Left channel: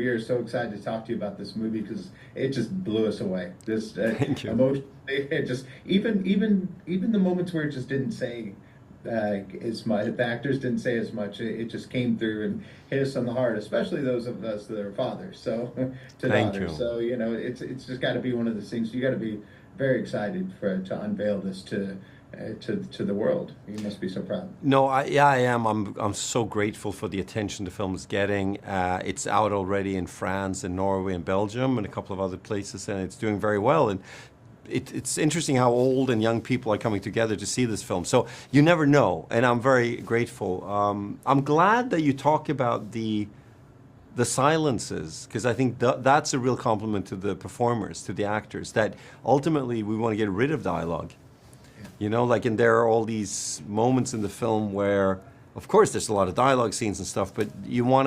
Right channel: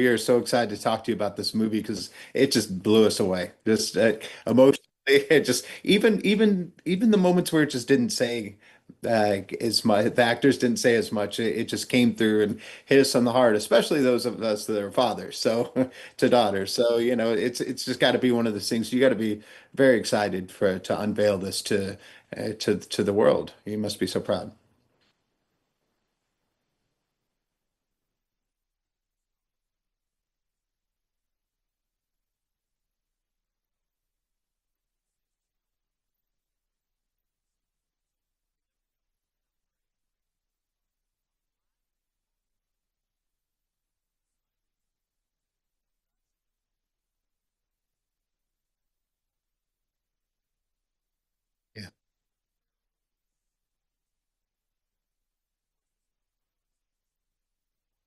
we are so excited to talk to you about this movie because it just blew us away. Just Thank you. emotionally, it just even the moments where it just didn't say as much, the actors didn't say as much. It just came through and hit us on the heart, especially those of us that are fathers, so to Thank daughters. you. So it's just got to be one of those things. You got to be very excited for to unveil this to the world. You must be so proud. No, yeah, I am. I'm so grateful for the attention the film is getting. It's out already in France and Norway and Belgium and a couple of other places, and it's doing very well. And it's interesting how old and young people are coming together to see this film. So you never know, and I'm very grateful. I'm glad that you talk about the silences because I think that's a real compliment to the performers, to the actors. That ultimately we want to get rid of dialogue. Yeah. Like, and there are all these moments in the film where, of course, there's a lot of dialogue scenes and stuff, but you want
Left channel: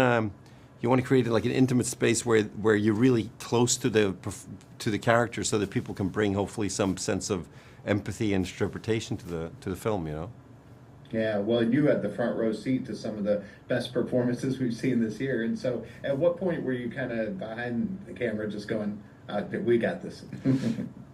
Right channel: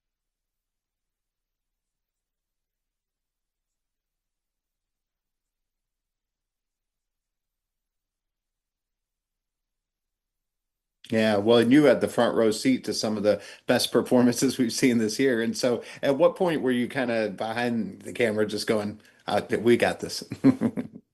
to create like an intimate space where you're really close to the character, so that people can bring hopefully some sense of empathy and interpretation to the film. Yeah, well, and you had the front row seat to some of the best performances we've seen this year. And so, at what point were you kind of behind the camera, just going, "We got this"?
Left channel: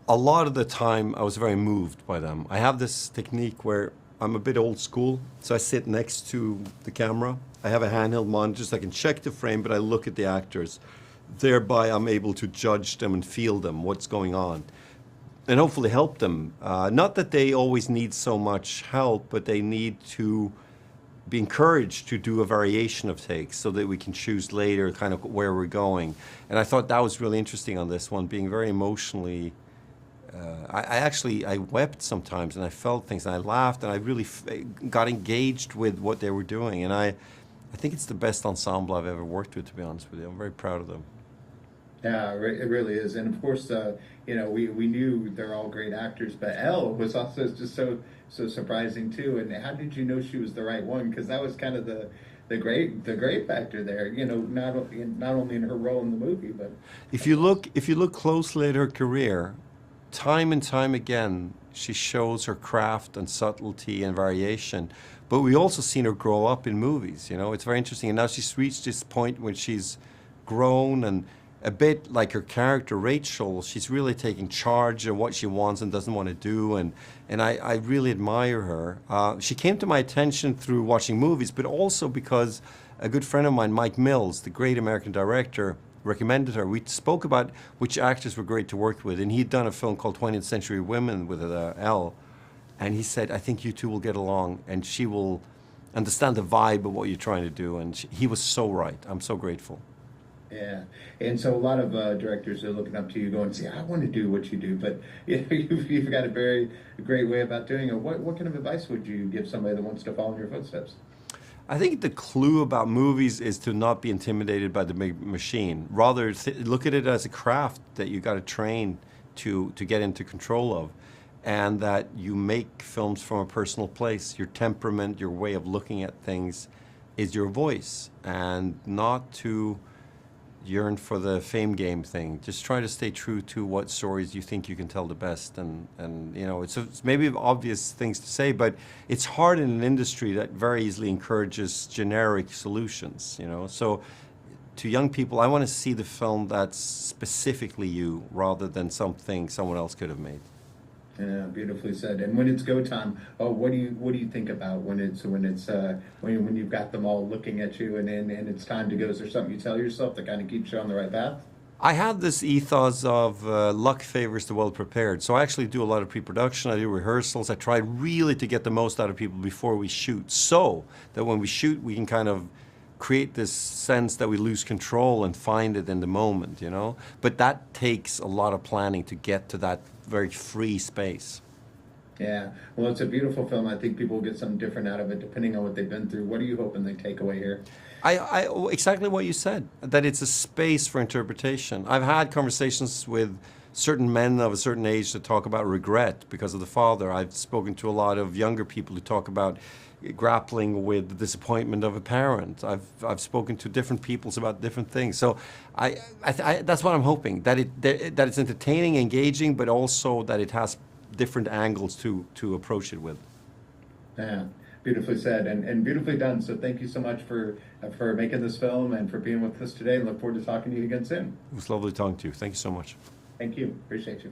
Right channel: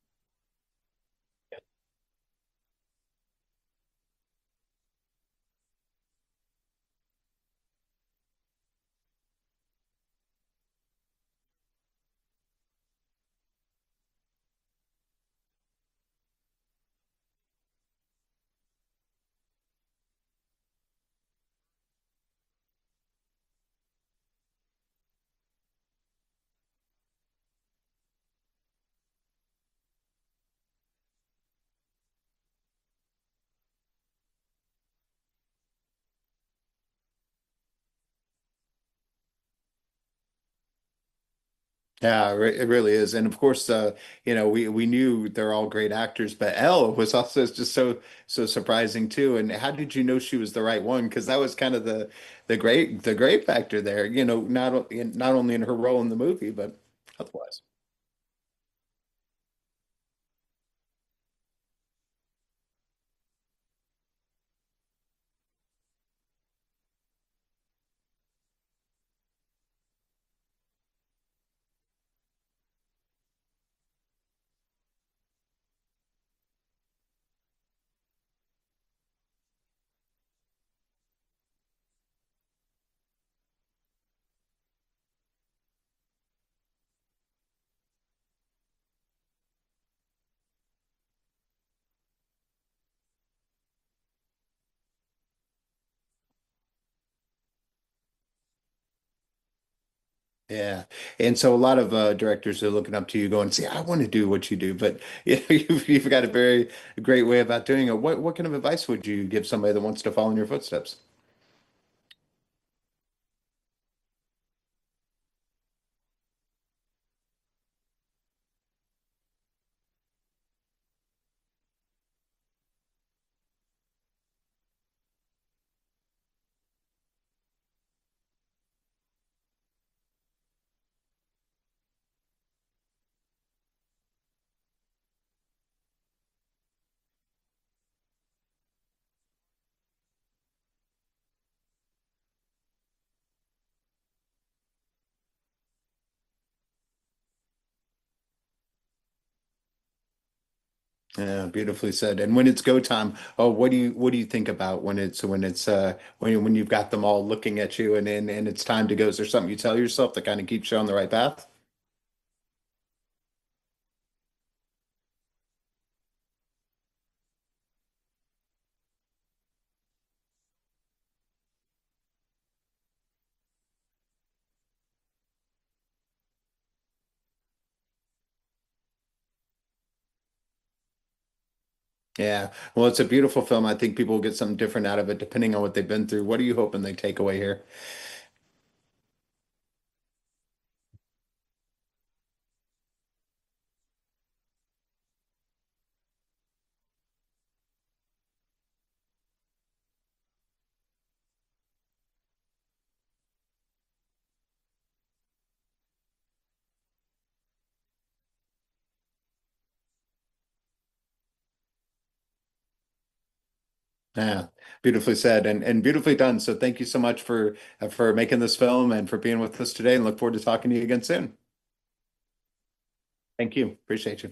A lot of the time, I was very moved by them. I have this technique where I'm a bit old school, so I sit next to the camera. I have a handheld monitor so I can check the frame, but I look at the actors. Thereby, I'm able to judge them and feel them, what's going on, and hopefully help them. Not that they always need so much help, but they need to be encouraged to do a variation of takes so that we can choose later kind of where we're going. And I thought that was really interesting on this one, being very emotionally. I wept sometimes, and I felt things, and I laughed, and I really got engaged with what they were doing. And I think it's the best ensemble I've ever worked with, to be honest with you. I'm very proud of them. Yeah, it really is. And of course, we knew they're all great actors, but Elle was also just so surprising too. And how did you know she was the right one? Because that was kind of the great factor there. Not only in her role in the movie, but also. If you look closely at her career, time and time again, she shows her craft and subtlety and variation. But we also seen her grow up in movies. It's very interesting. And now she's reached this point when she's grown, and a bit like her character Rachel, she's really taking charge of what she wants and doesn't want to do. And I really admire her. She came to my attention through watching movies, but also because a good friend of mine, Mike Mills, the great American director, recommended her. We spoke about which actors were great to work with, and he'd done a film called 20th Century Women with Elle, and he said, "I think you two will get along, and she will understand the vibe of what you're trying to do." And he was so right. I'm so grateful. Yeah. And so a lot of directors are looking up to you going, see, I want to do what you do, but you've got a very great way about doing it. What kind of advice would you give somebody that wants to follow in your footsteps? I think the clue about movies is to not be intimidated by the big machine. Rather, look at it as a craft that you got to train to get into control of, and that you make films from a personal place. Your temperament, your way of looking at things, is your voice, and not to yearn for the fame game thing. Just try to stay true to what stories you think you can tell the best. And it's maybe obvious things to say, but it's hard in an industry that very easily encourages generic solutions. So to young people, I want to see the film that's specifically you rather than something someone else could have made. Yeah, beautifully said. And when it's go time, oh, what do you think about when you've got them all looking at you and it's time to go? Is there something you tell yourself that kind of keeps you on the right path? I have this ethos of luck favors the well prepared. So I actually do a lot of pre production. I do rehearsals. I try really to get the most out of people before we shoot, so that when we shoot, we can kind of create this sense that we lose control and find it in the moment. But that takes a lot of planning to get to that very free space. Yeah. Well, it's a beautiful film. I think people will get something different out of it depending on what they've been through. What are you hoping they take away here? Exactly what you said, that it's a space for interpretation. I've had conversations with certain men of a certain age that talk about regret because of the father. I've spoken to a lot of younger people who talk about grappling with the disappointment of a parent. I've spoken to different peoples about different things. So that's what I'm hoping, that it's entertaining, engaging, but also that it has different angles to approach it with. Yeah, beautifully said and beautifully done. So thank you so much for making this film and for being with us today, and look forward to talking to you again soon. It was lovely talking to you. Thank you so much. Thank you. Appreciate you.